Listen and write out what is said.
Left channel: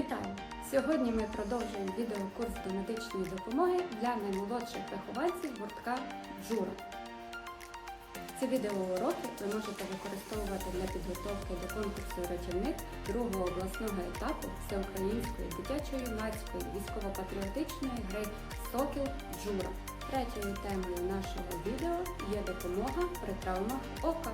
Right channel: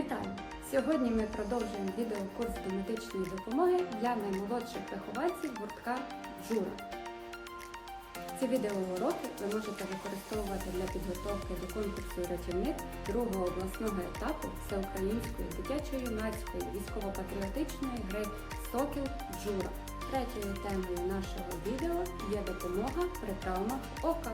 Вітаю! Сьогодні ми продовжуємо відеокурс до медичної допомоги для наймолодших вихованців гуртка Джура. Ці відеоуроки ви можете використовувати для підготовки до конкурсу рятівник другого обласного етапу всеукраїнської дитячо-юнацької військово-патріотичної гри Сокіл Джура. Третьою темою нашого відео є допомога при травмах ока.